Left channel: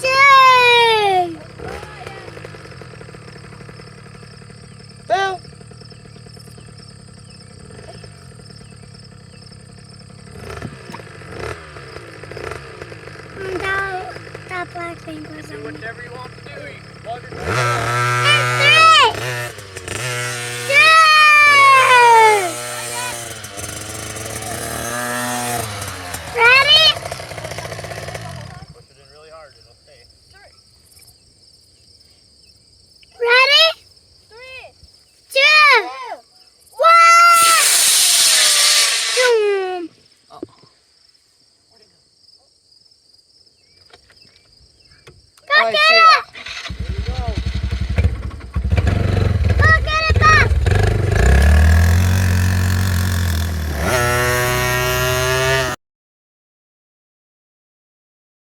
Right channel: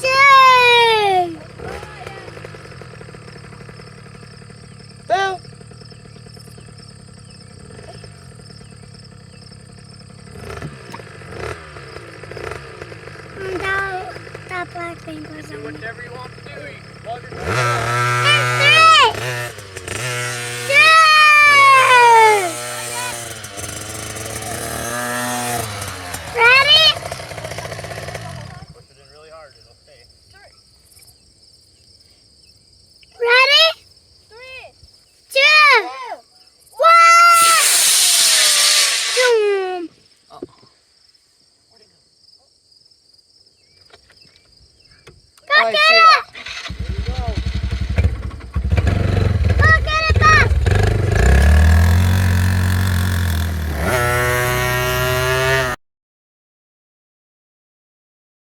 two. Boo! That black thing was Do on me. whatever you want to do. Log it. Ready? Push it in really hard. It'll stay. Ready? 3, 2, 1. Oh. Go, Oh, I see it.